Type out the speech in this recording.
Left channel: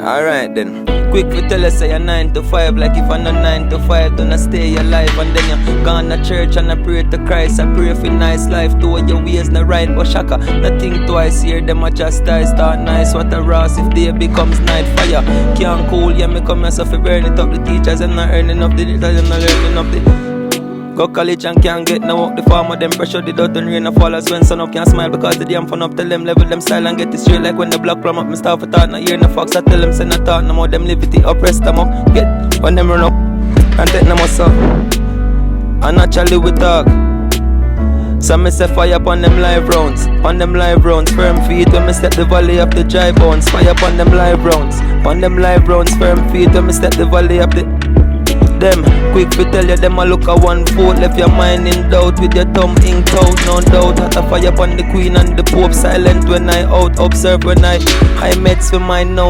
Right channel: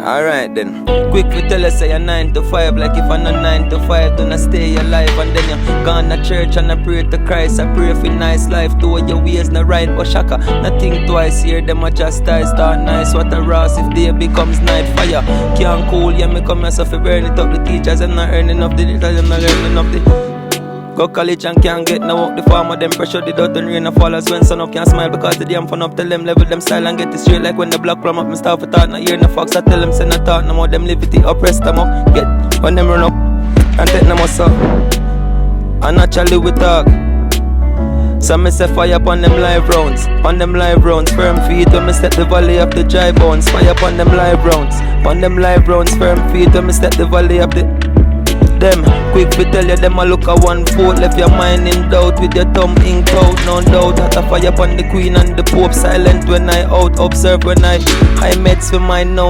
Alright then. Quick for tell us say you're 9 to 5. Like if I'm not 9 to 5, then I stay alive. And then you gone to church and I pray to Christ. I pray for nice life. Do your ways not right, but shaka. Nothing twice here, them a chastise. Start nice, what a Ross if day becomes night fire. Can't cool, yeah, me come here so for burn it up. The teachers, I'm not earning enough. The teachers, I'm not earning enough. The go college and can't get no work. The farmer them pressure the dirt and rain a fall. As when sun up can't smile because the damn fun up. Tell them level them style and get it straight. Like when the block plumb up, me start for thought. Not hear no fox. I tell them send a thought. No more them live it up, rest them up. Get when them run up and take them muscle. And naturally we talk. So me say fire upon them live rounds. On them live rounds, firm feet when me step the valley of the dry bones. Fire upon them live rounds. On them live rounds, firm feet when me step the valley of the them, quick to tell you them a look a one vote. Left your mind in doubt with your thumb inked out. No doubt, had a fire upon the queen and the pope. Silent when I out, observe when I meds for mine now.